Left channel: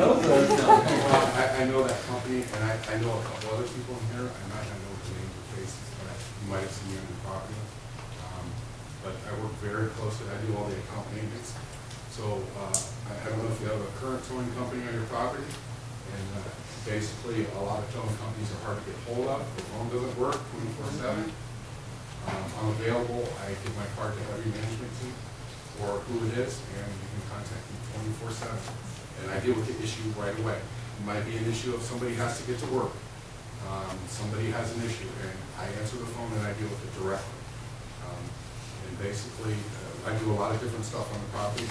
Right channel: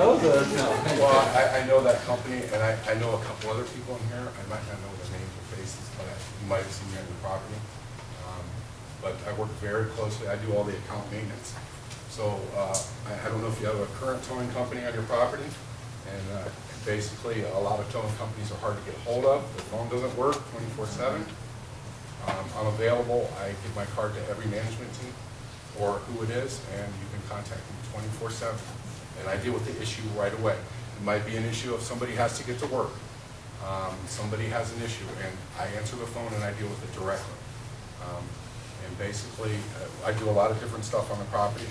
everyone knows that. Well, I know that company, and I know a couple other people in here. I might not know their names or faces, but you might have seen me on your property. But I work very closely. I do all the account maintenance. So I don't know if you have a current towing company on your property, and basically a lot of towing companies are hard to get hold of. The phone doesn't work 24/7. I'm available. I give my card to every management team or who it is, and you can contact me 24/7. And I deal with the issue right away. It might be an issue if somebody has to get to work. Somebody has an issue, and I answer the phone and I deal with it directly. And basically, I do a lot of different stuff on the property.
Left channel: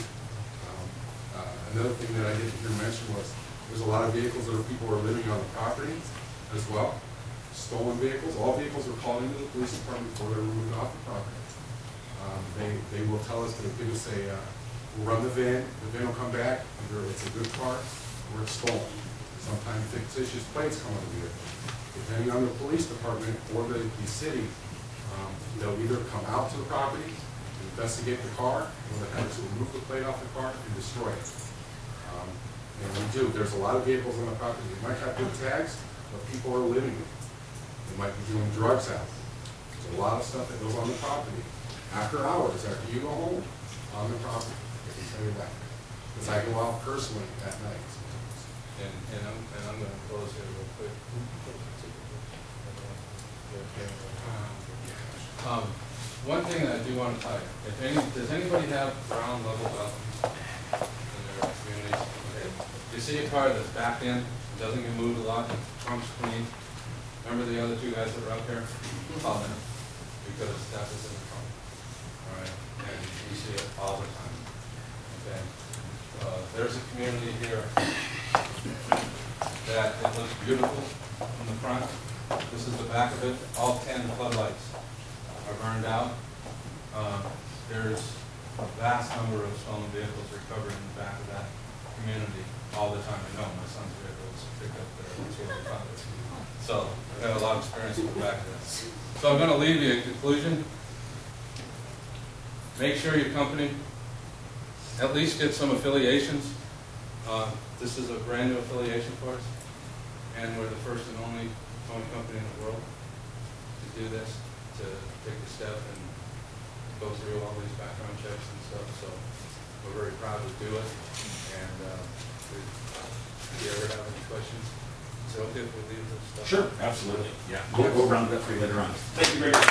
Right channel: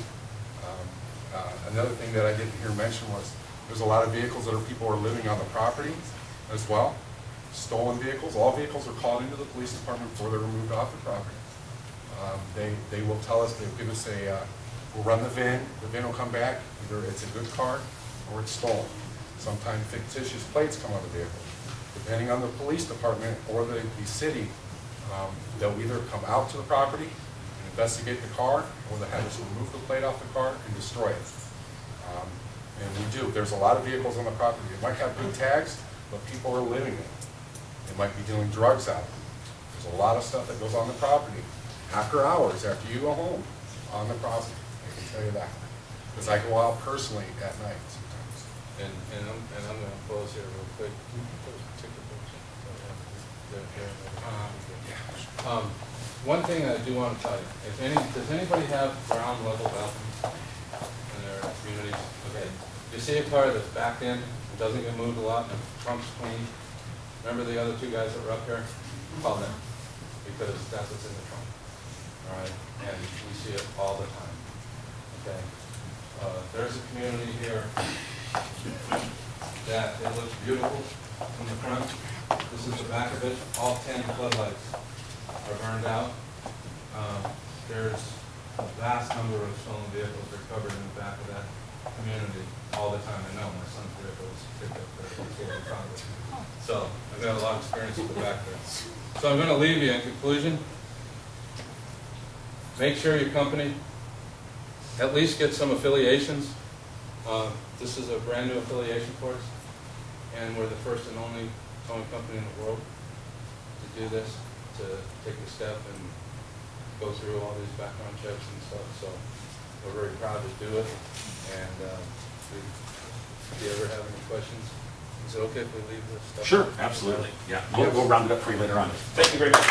Another thing that I didn't hear mentioned was there's a lot of vehicles that people are living on the property as well. Stolen vehicles. All vehicles are called into the police department before they're removed off the property. They will tell us, they'll give us we'll run the VIN will come back, whether it's a good car or it's stolen. Sometimes fictitious plates come on the vehicle. Depending on the police department or the city, they'll either come out to the property and investigate the car, or they have to remove the plate off the car and destroy it. And we do. There's a lot of vehicles on the property. They might have good tags, but people are living in. They might be doing drugs out. There's a lot of stuff that goes on the property after hours, after you go home, on the property. I can tell you that. Because I go out personally at night sometimes. And I'm going to close here real quick. One thing that I do want to tell you, does anybody have ground level balconies in their communities? Okay. You see a car that's backed in, doesn't get moved a lot, and trunk's clean. Remember the other two guys that were up here? Call them, because that's what's in the trunk. All right, and we see it all the time. Okay. There's a community here that it looks beautiful from the front. This is the back of it. All 10 floodlights are burned out. There's a vast number of stolen vehicles recovered in the back of that community all the time. I know my son's vehicle is picked up there. That's where we found it. So I've got a lot of experience with the back there. So I'm going to leave you in conclusion. Make sure your company at least get some affiliations. This is a brand new affiliation for us, and we're the first and only towing company in the world to do this, to take the step and go through all these background checks and stuff. So we're very proud to do it. And if you ever have any questions, is it okay if we leave this stuff? Sure, absolutely. Yeah, we'll round it up for you later on. Thank you very much.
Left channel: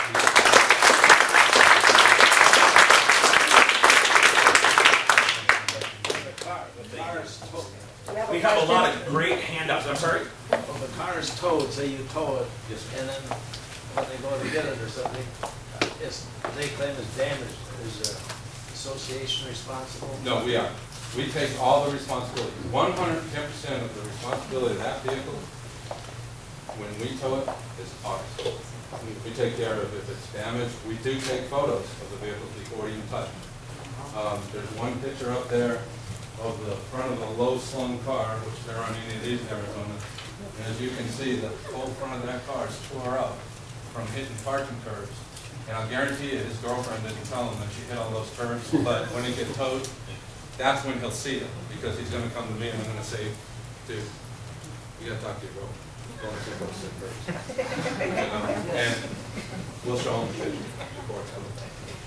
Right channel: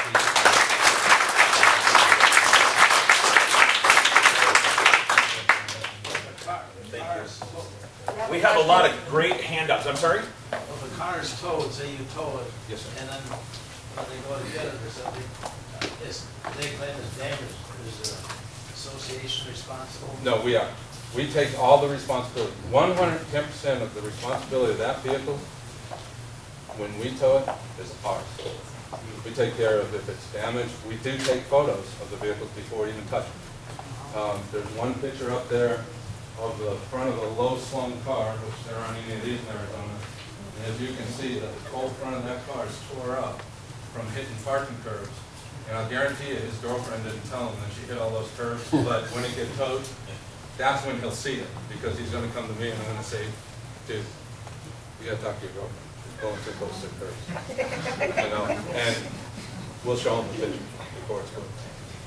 We have a lot of great handouts. I'm sorry? Well, the car's towed, say you tow it, Yes, sir. and then when they go to get it or something, they claim it's damaged. Is the association responsible? No, we are. We take all the responsibility. 110% of the responsibility of that vehicle, when we tow it, is ours. We take care of if it's damaged. We do take photos of the vehicles before we even touch them. There's one picture up there of the front of a low-slung car, which there aren't any of these in Arizona. And as you can see, the whole front of that car is tore up from hitting parking curbs. And I'll guarantee you his girlfriend didn't tell him that she hit all those curbs, but when it gets towed, that's when he'll see it, because he's going to come to me and I'm going to say, dude, you got to talk to your girlfriend. She's going through those sick curbs. You know? And we'll show him the picture before it's coming.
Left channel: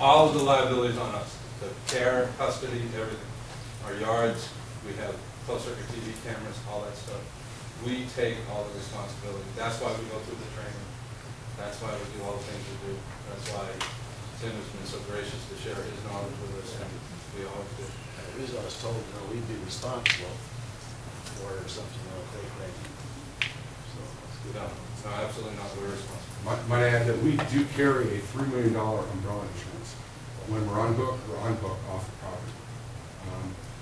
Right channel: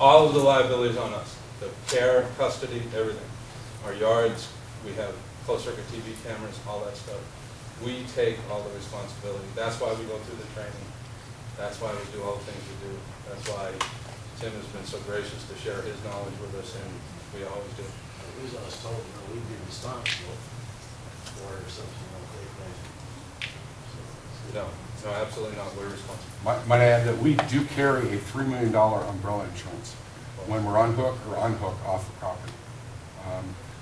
All of the liabilities on us, the care, custody, everything. Our yards, we have closed-circuit TV cameras, all that stuff. We take all the responsibility. That's why we go through the training. That's why we do all the things we do. That's why Tim has been so gracious to share his knowledge with us, and we always do. The reason I was told, we'd be responsible for it or something, if they claim. So that's good. No, absolutely not. We're responsible. Might I add that we do carry a $3 million umbrella insurance when we're on hook or unhook off the property.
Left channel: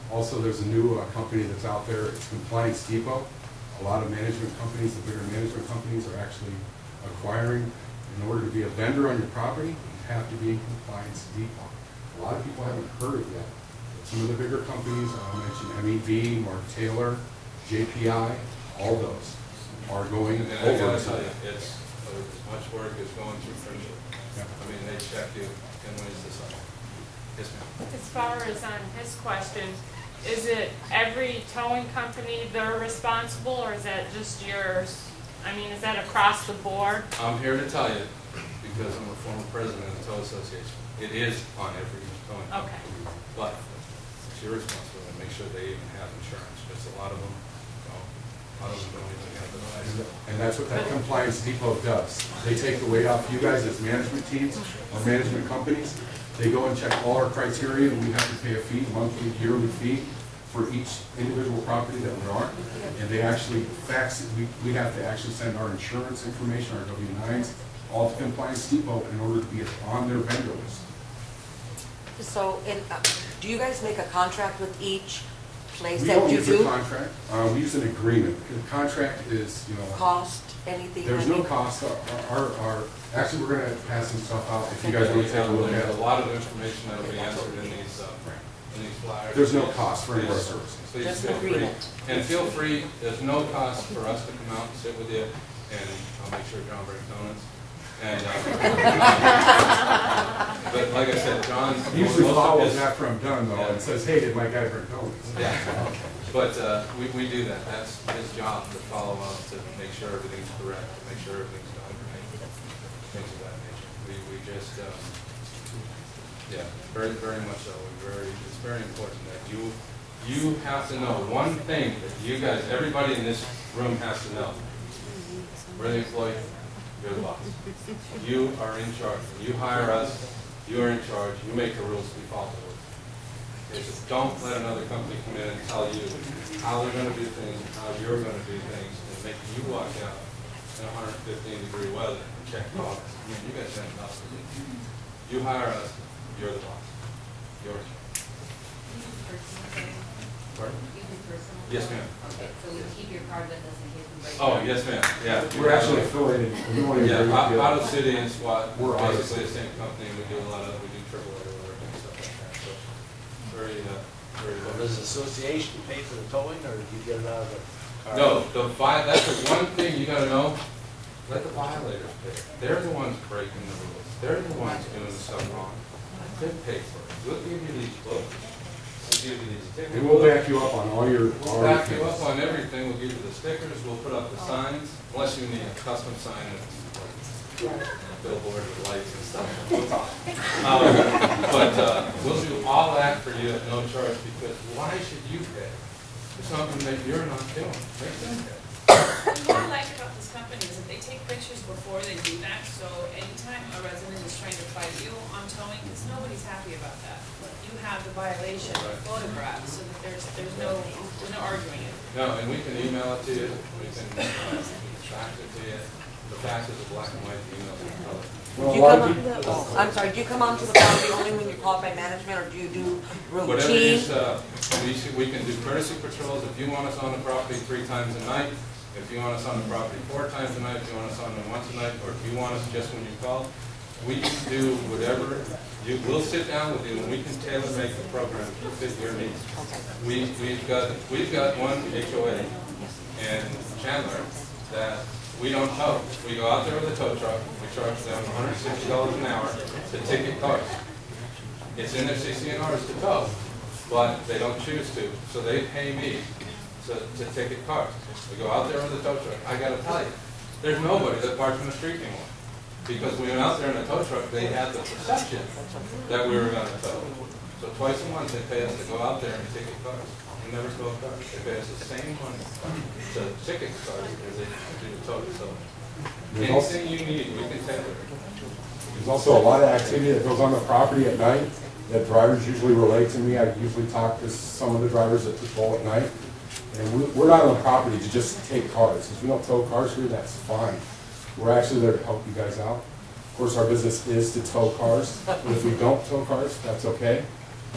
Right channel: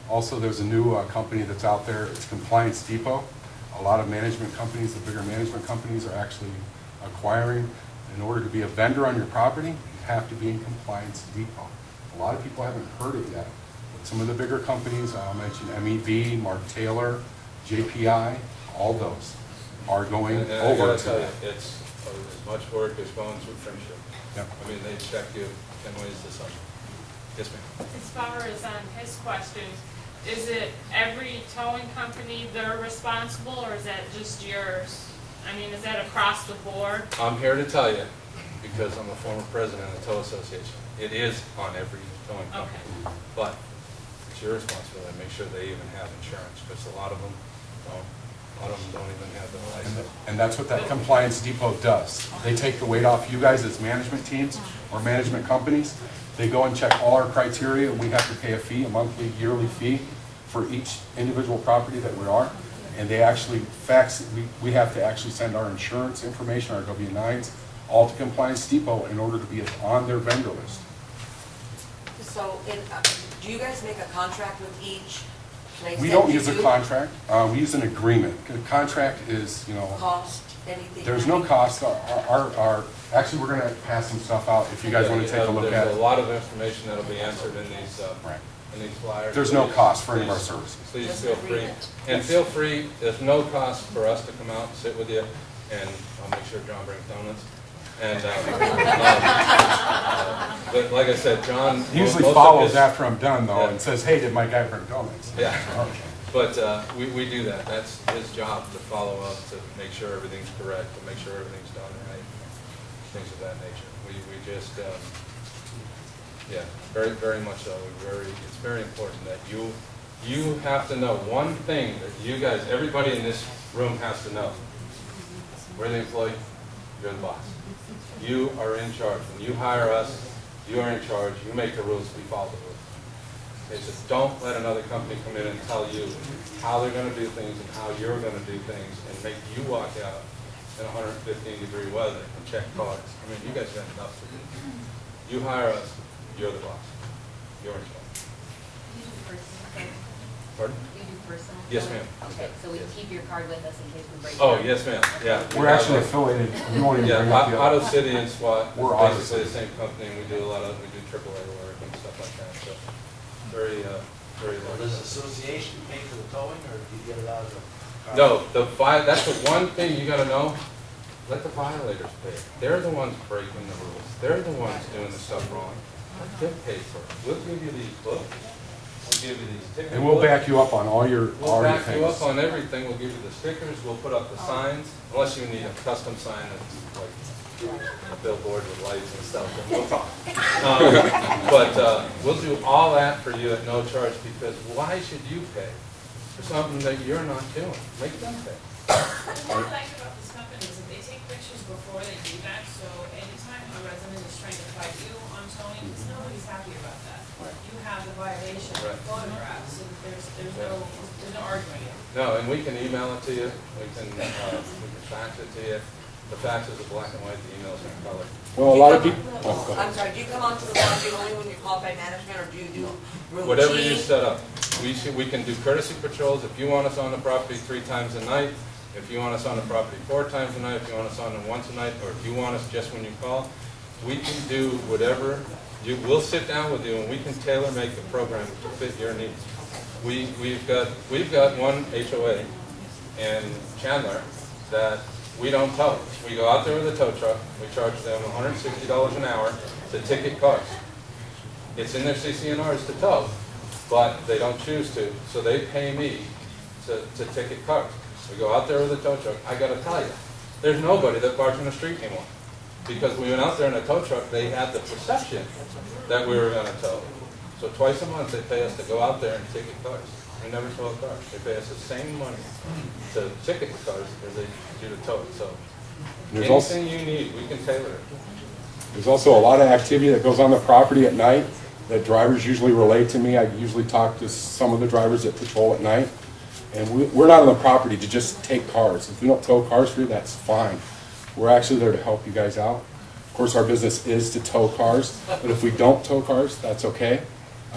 Also, there's a new company that's out there. It's Compliance Depot. A lot of management companies, the bigger management companies, are actually acquiring. In order to be a vendor on your property, you have to be in Compliance Depot. A lot of people haven't heard it yet. But some of the bigger companies, I'll mention MEV, Mark Taylor, JPI, all those are going and over. I gotta tell you, it's as much work as going through friendship. Yep. I mean, they check you 10 ways to Sunday. Yes, ma'am. As far as on his question, is it every towing company they're responsible, or is that just yours? I mean, is that across the board? I'm here to tell you, because I'm a former president of the Tow Association, it is on every towing company. Okay. But it's your responsibility to make sure they even have insurance, because a lot of them don't. A lot of them don't even have the license. And that's what that compliance depot does. They take the weight off you guys as management teams or management companies. They go and check all our criteria, and we have to pay a fee, a monthly, yearly fee for each individual property that we are. And they actually fax it. We have to actually send our insurance information, our W-9s, all to Compliance Depot in order to be on their vendor list. So, do you guys make a contract with each place We that don't you use a do? contract, we use an agreement. A contract is, Cost, anything? there's no cost. Actually, we're gonna pass some stuff out if you guys wanna take a look at There's a it. lot of information that'll be answered in these, Right. in these flyers. There's no cost for any of our services. Please Just feel free. agreement. And feel free, there's no cost for us to come out and sit with you, and I'll make sure John brings donuts. And, but like I said, John. He usually most of follows his- after I'm done though Yeah. and says, hey, did my guy bring donuts? Yeah. Okay. But we do that. That's his job, to follow up, to make sure everything's correct, to make sure everything's done right, things of that nature. We just, yeah, very much so. It's very important that you have to know one thing that you guys, everybody in this room has to know. We're the employee, you're the boss. You are in charge. When you hire us, you are in charge. You make the rules, we follow the rules. Okay, so don't let another company come in and tell you how they're going to do things and how you're going to do things and make you walk out in 115-degree weather and check cars. I mean, you guys have enough to do. You hire us, you're the boss. You're in charge. You do personal payment? Pardon? You do personal? Yes, payment? ma'am. Okay, so we keep your card with us in case we break it. Oh, yes, ma'am. Yeah. We're actually affiliated. We won't even Yeah, bring up the Auto other. City and SWAT, We're we're Auto basically the City. same company, and we do AAA work and stuff like that. So very. Well, does the association pay for the towing, or do you get it out of the car? No, that's the one thing you gotta know. Let the violators pay it. They're the ones breaking the rules. They're the ones doing the stuff wrong. Let them pay for it. We'll give you these books. We'll give you these tickets. And we'll back you up on all your We'll back you things. up on everything. We'll give you the stickers. We'll put up the signs, unless you need a custom sign that's like a billboard with lights and stuff, then we'll talk. But we'll do all that for you at no charge, because why should you pay for something that you're not doing? Make them pay. What I like about this company is that they take pictures before they do that, so anytime a resident is trying to fight you on towing, because nobody's happy about that. You have the violation Right. photographed, so that there's no arguing it. No, and we can email it to you. We can fax it to you. The fax is a black and white, the email's in color. Well, a You lot of come- people. I'm sorry, do you come onto the property only when you're called by management, or do you do routine? Whatever you set up. We can do courtesy patrols if you want us on the property 3 times a night, if you want us on the property 4 times a night, if you want us on it once a night, or if you want us just when you call. We can do whatever. We'll sit down with you and we can tailor make a program to fit your needs. Okay. We've got one HOA in Chandler that we don't tow. We go out there with a tow truck, we charge them $160 an hour to ticket cars. It's in their CCNRs to tow, but they don't choose to, so they pay me to ticket cars. We go out there with a tow truck. I gotta tell you, there's nobody that parks on the street anymore. Because we went out there in a tow truck, they had the perception that we were gonna tow. So twice a month, they pay us to go out there and ticket cars. We never tow a car. They pay us the same money to ticket cars as they do to tow. So There's also- anything you need, we can tailor it. There's also a lot of activity that goes on the property at night that drivers usually relate to me. I usually talk to some of the drivers that patrol at night. And we're not on the property to just take cars. If we don't tow cars here, that's fine. We're actually there to help you guys out. Of course, our business is to tow cars, but if we don't tow cars, that's okay.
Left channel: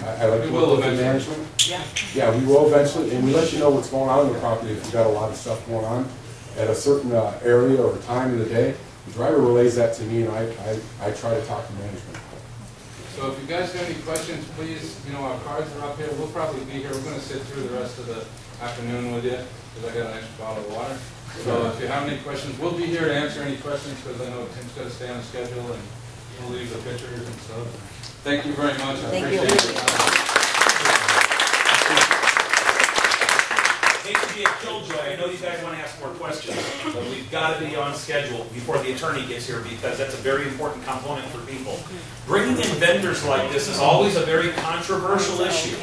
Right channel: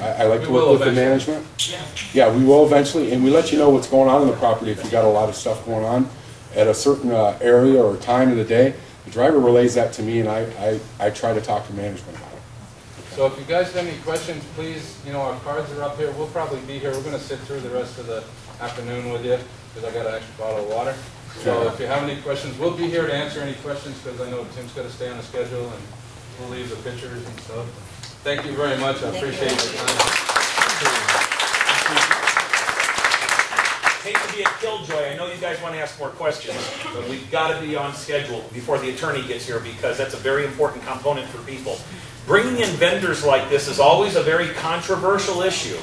I like We to will work with the eventually. management. Yeah. Yeah, we will eventually, and we let you know what's going on in the property if you got a lot of stuff going on at a certain area or time of the day. The driver relays that to me, and I try to talk to management about it. So if you guys have any questions, please, our cards are up here. We'll probably be here. We're going to sit through the rest of the afternoon with you because I got an extra bottle of water. So if you have any questions, we'll be here to answer any questions because I know Tim's got to stay on the schedule and we'll leave the pictures and stuff. Thank you very much. I Thank you. appreciate your time. hate to be a killjoy, I know you guys want to ask more questions, but we've got to be on schedule before the attorney gets here because that's a very important component for people. Bringing in vendors like this is always a very controversial issue.